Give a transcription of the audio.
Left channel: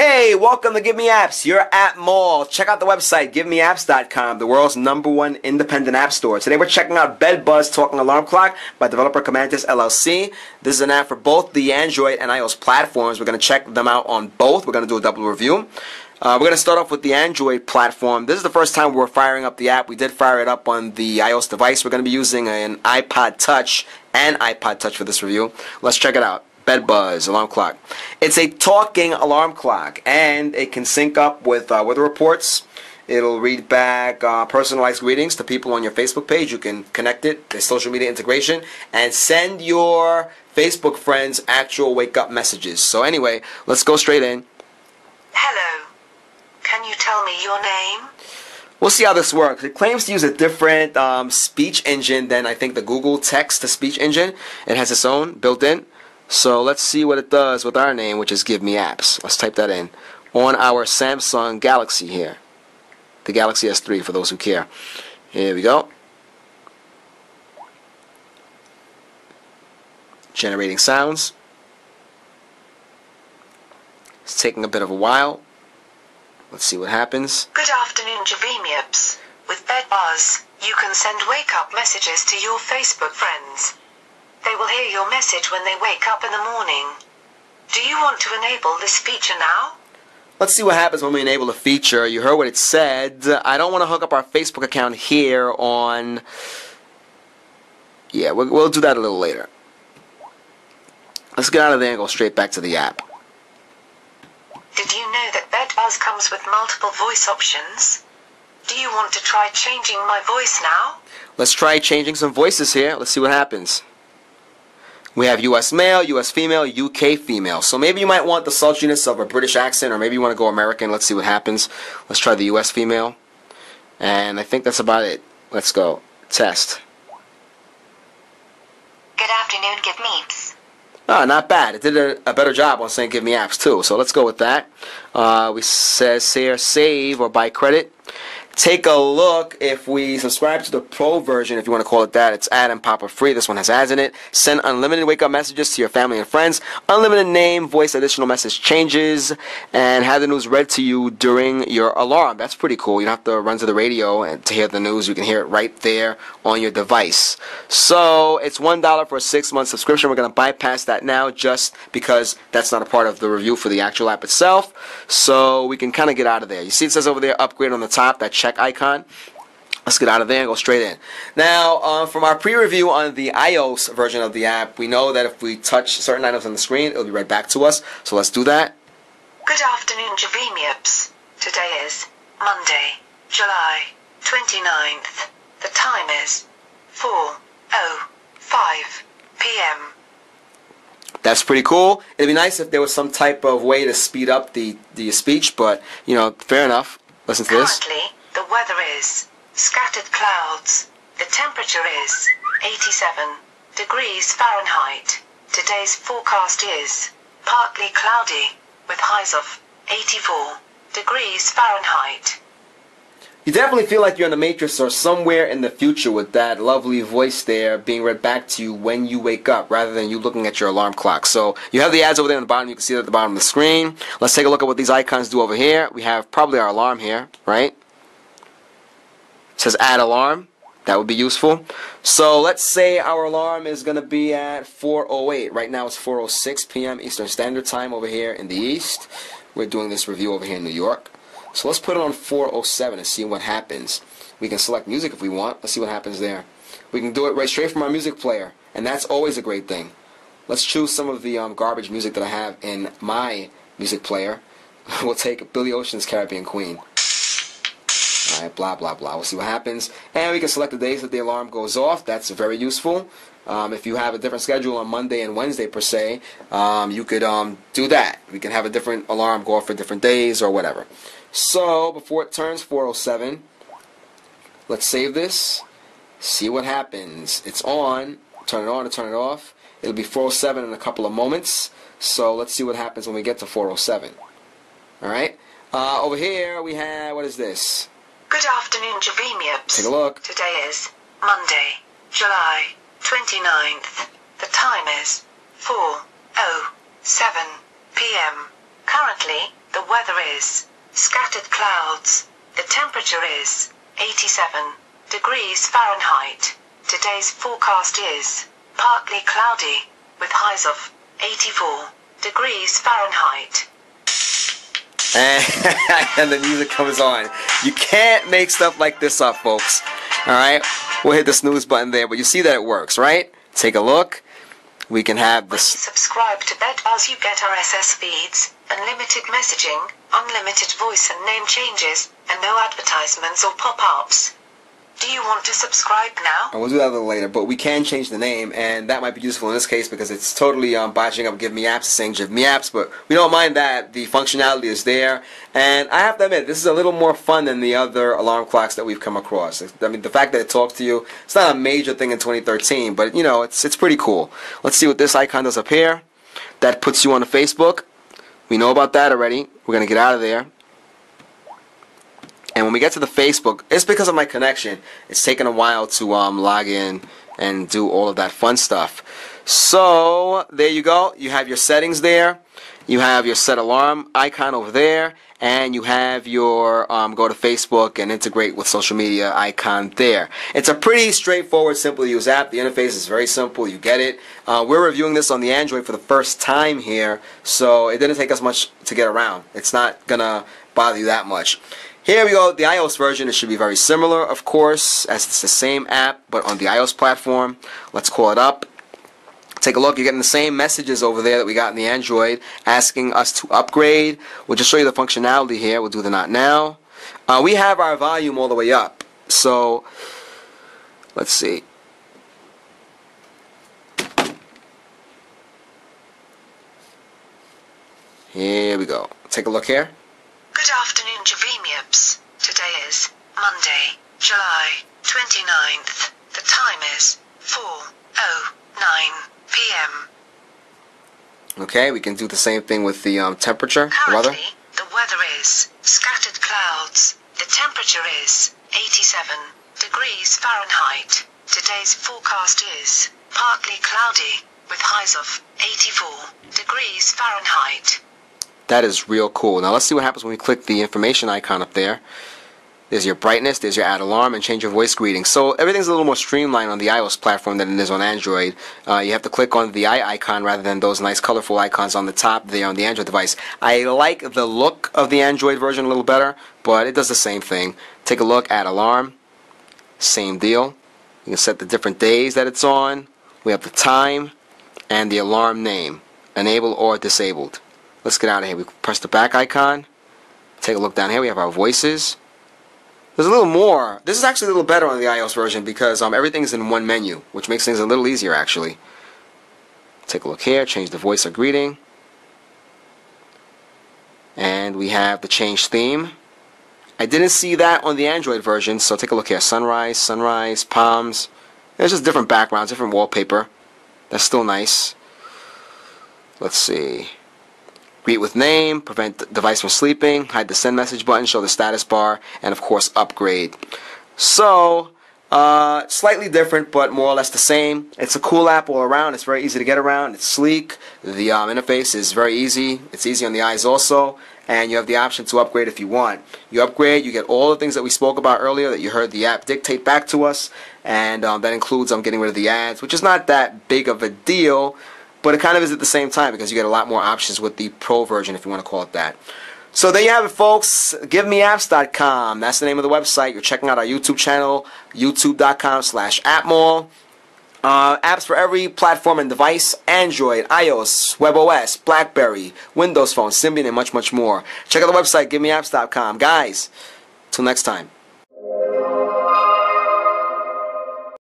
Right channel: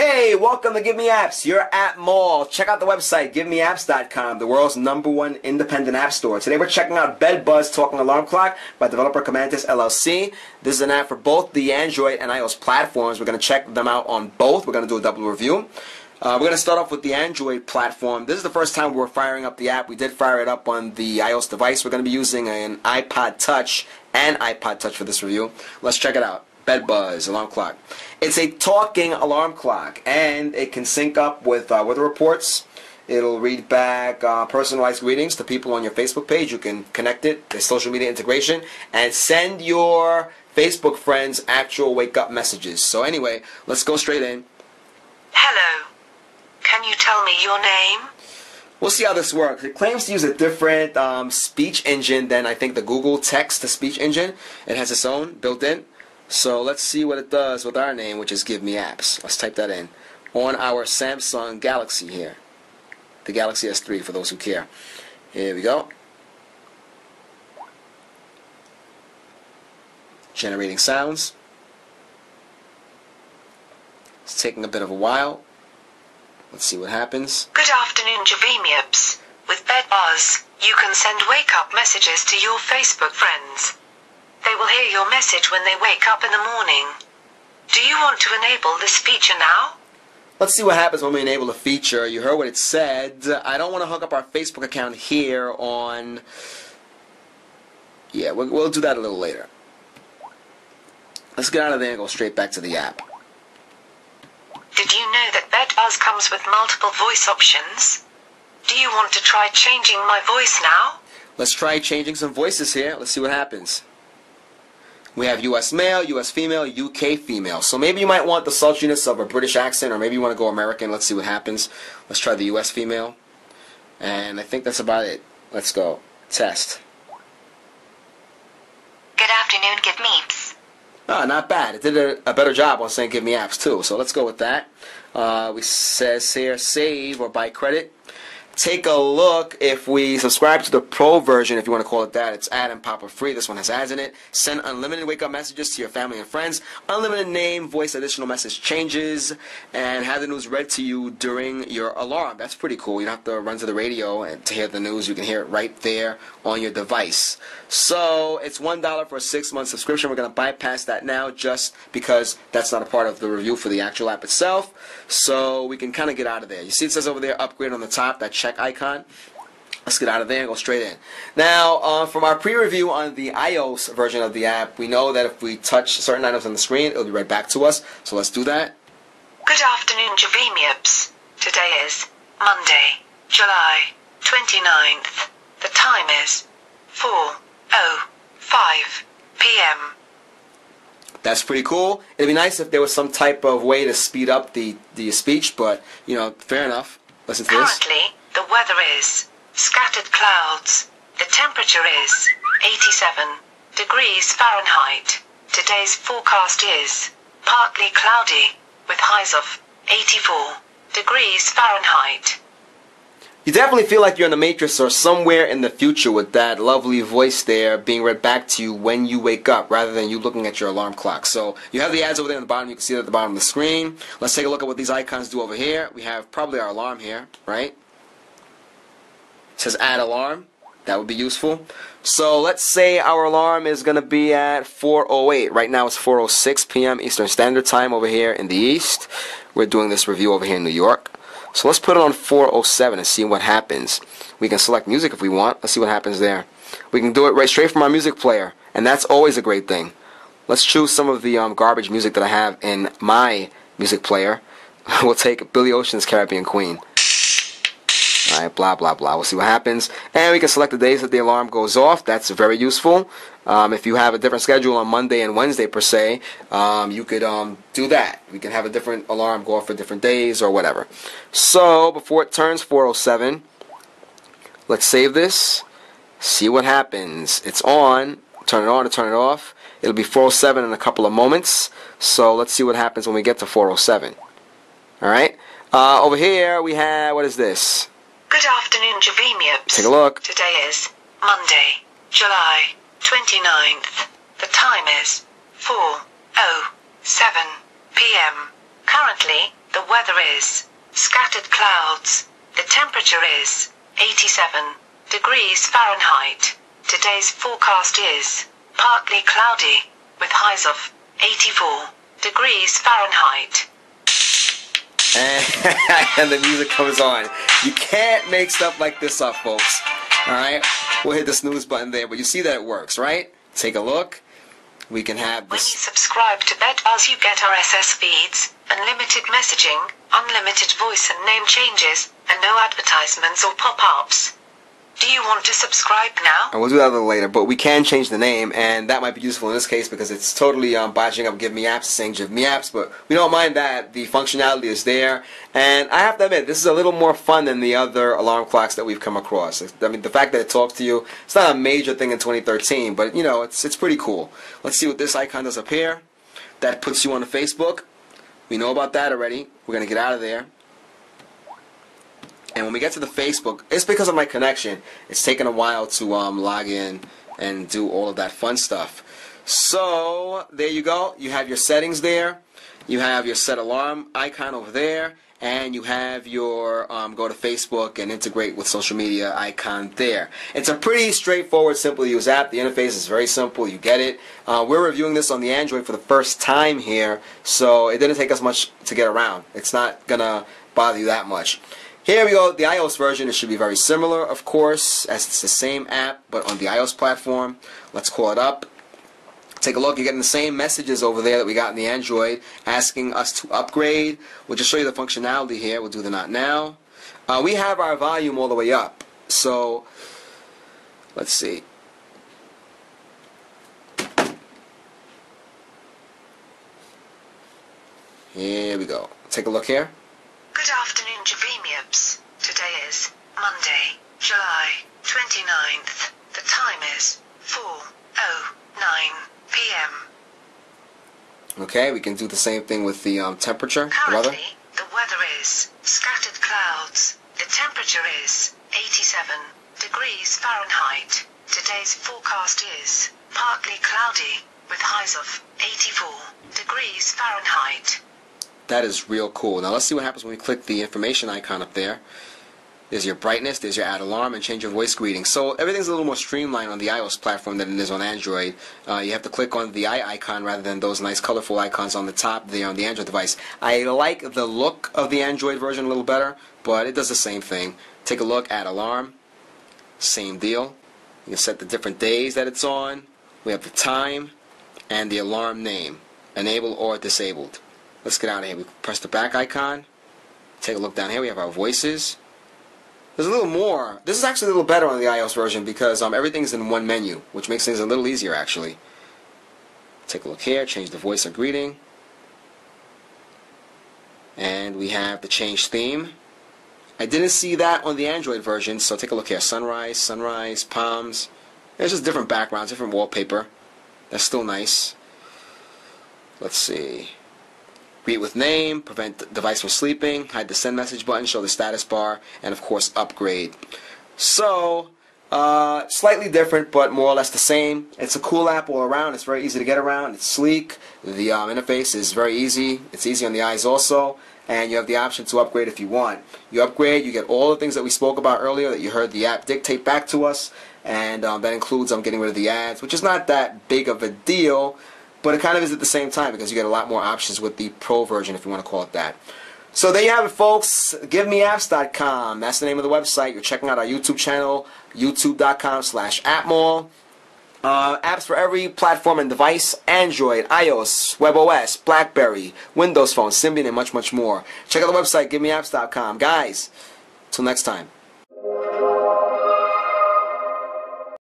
Hey, welcome to GiveMeApps, your app mall. Check out the website, GiveMeApps.com, the world's #1 independent app store. Today we're checking out BedBuzz Talking Alarm Clock by developer Commantis LLC. This is an app for both the Android and iOS platforms. We're going to check them out on both. We're going to do a double review. We're going to start off with the Android platform. This is the first time we're firing up the app. We did fire it up on the iOS device. We're going to be using an iPod Touch and iPod Touch for this review. Let's check it out. BedBuzz alarm clock. It's a talking alarm clock, and it can sync up with weather reports. It'll read back personalized greetings to people on your Facebook page. You can connect it to social media integration and send your Facebook friends actual wake-up messages. So anyway, let's go straight in. Hello. Can you tell me your name? We'll see how this works. It claims to use a different speech engine than I think the Google text-to-speech engine. It has its own built in. So let's see what it does with our name, which is GiveMeApps. Let's type that in on our Samsung Galaxy here. The Galaxy S3 for those who care. Here we go. Generating sounds. It's taking a bit of a while. Let's see what happens. Good afternoon, GiveMeApps. With BedBuzz, you can send wake-up messages to your Facebook friends. They will hear your message when they wake up in the morning. Do you want to enable this feature now? Let's see what happens when we enable the feature. You heard what it said. I don't want to hook up our Facebook account here on... Yeah, we'll do that a little later. Let's get out of there and go straight back to the app. Did you know that BedBuzz comes with multiple voice options? Do you want to try changing my voice now? Let's try changing some voices here. Let's see what happens. We have US male, US female, UK female. So maybe you might want the sultriness of a British accent, or maybe you want to go American. Let's see what happens. Let's try the US female. And I think that's about it. Let's go. Test. Good afternoon, GiveMeApps. Ah, not bad. It did a better job on saying GiveMeApps too. So let's go with that. We says here save or buy credit. Take a look. If we subscribe to the Pro version, if you want to call it that, it's ad and pop-up free. This one has ads in it. Send unlimited wake-up messages to your family and friends. Unlimited name, voice additional message changes, and have the news read to you during your alarm. That's pretty cool. You don't have to run to the radio and to hear the news. You can hear it right there on your device. So it's $1 for a 6-month subscription. We're going to bypass that now just because that's not a part of the review for the actual app itself. So we can kind of get out of there. You see it says over there, upgrade on the top, that check icon. Let's get out of there and go straight in. Now, from our pre-review on the iOS version of the app, we know that if we touch certain items on the screen, it'll be right back to us. So let's do that. Good afternoon, GiveMeApps. Today is Monday, July 29th. The time is 4:05 p.m. That's pretty cool. It'd be nice if there was some type of way to speed up the speech, but, you know, fair enough. Listen to this. Currently, the weather is scattered clouds. The temperature is 87 degrees Fahrenheit. Today's forecast is partly cloudy, with highs of 84 degrees Fahrenheit. You definitely feel like you're in the Matrix or somewhere in the future with that lovely voice there being read back to you when you wake up rather than you looking at your alarm clock. So you have the ads over there on the bottom. You can see it at the bottom of the screen. Let's take a look at what these icons do over here. We have probably our alarm here, right? It says add alarm. That would be useful. So let's say our alarm is going to be at 4:08. Right now it's 4:06 p.m. Eastern Standard Time over here in the East. We're doing this review over here in New York. So let's put it on 4:07 and see what happens. We can select music if we want. Let's see what happens there. We can do it right straight from our music player, and that's always a great thing. Let's choose some of the garbage music that I have in my music player. We'll take Billy Ocean's Caribbean Queen. Alright, blah, blah, blah. We'll see what happens. And we can select the days that the alarm goes off. That's very useful. If you have a different schedule on Monday and Wednesday per se, you could do that. We can have a different alarm go off for different days or whatever. So, before it turns 4:07, let's save this, see what happens. It's on, turn it on to turn it off. It'll be 4:07 in a couple of moments. So, let's see what happens when we get to 4:07. Alright? Over here, we have, what is this? Good afternoon, GiveMeApps. Take a look. Today is Monday, July 29th. The time is 4:07 p.m. Currently, the The weather is scattered clouds. The temperature is 87 degrees Fahrenheit. Today's forecast is partly cloudy with highs of 84 degrees Fahrenheit. And the music comes on. You can't make stuff like this up, folks. Alright? We'll hit the snooze button there, but you see that it works, right? Take a look. We can have this. When you subscribe to BedBuzz, you get RSS feeds, unlimited messaging, unlimited voice and name changes, and no advertisements or pop-ups. Do you want to subscribe now? And we'll do that a little later, but we can change the name, and that might be useful in this case because it's totally botching up GiveMeApps, saying GiveMeApps, but we don't mind that. The functionality is there, and I have to admit, this is a little more fun than the other alarm clocks that we've come across. I mean, the fact that it talks to you, it's not a major thing in 2013, but, you know, it's pretty cool. Let's see what this icon does up here. That puts you on Facebook. We know about that already. We're going to get out of there. And when we get to the Facebook, it's because of my connection. It's taken a while to log in and do all of that fun stuff. So, there you go. You have your settings there. You have your set alarm icon over there. And you have your go to Facebook and integrate with social media icon there. It's a pretty straightforward, simple to use app. The interface is very simple. You get it. We're reviewing this on the Android for the first time here. So, it didn't take us much to get around. It's not going to bother you that much. Here we go, the iOS version. It should be very similar, of course, as it's the same app, but on the iOS platform. Let's call it up. Take a look. You're getting the same messages over there that we got in the Android, asking us to upgrade. We'll just show you the functionality here. We'll do the not now. We have our volume all the way up. So, let's see. Here we go. Take a look here. Good afternoon, GiveMeApps. Today is Monday, July 29th. The time is 4:09 p.m. Okay, we can do the same thing with the temperature. Currently, the weather is scattered clouds. The temperature is 87 degrees Fahrenheit. Today's forecast is partly cloudy with highs of 84 degrees Fahrenheit. That is real cool. Now let's see what happens when we click the information icon up there. There's your brightness, there's your add alarm, and change your voice greeting. So everything's a little more streamlined on the iOS platform than it is on Android. You have to click on the eye icon rather than those nice colorful icons on the top there on the Android device. I like the look of the Android version a little better, but it does the same thing. Take a look, add alarm, same deal. You can set the different days that it's on. We have the time and the alarm name, enable or disabled. Let's get out of here. We press the back icon. Take a look down here. We have our voices. There's a little more. This is actually a little better on the iOS version because everything's in one menu, which makes things a little easier actually. Take a look here. Change the voice of greeting. And we have the change theme. I didn't see that on the Android version, so take a look here. Sunrise, sunrise, palms. There's just different backgrounds, different wallpaper. That's still nice. Let's see. Greet with name, prevent device from sleeping, hide the send message button, show the status bar, and of course upgrade. So, slightly different, but more or less the same. It's a cool app all around. It's very easy to get around. It's sleek. The interface is very easy. It's easy on the eyes also. And you have the option to upgrade if you want. You upgrade, you get all the things that we spoke about earlier that you heard the app dictate back to us. And that includes getting rid of the ads, which is not that big of a deal. But it kind of is at the same time because you get a lot more options with the Pro version, if you want to call it that. So there you have it, folks. GiveMeApps.com. That's the name of the website. You're checking out our YouTube channel, youtube.com/appmall. Apps for every platform and device: Android, iOS, WebOS, BlackBerry, Windows Phone, Symbian, and much, much more. Check out the website, GiveMeApps.com. Guys, till next time.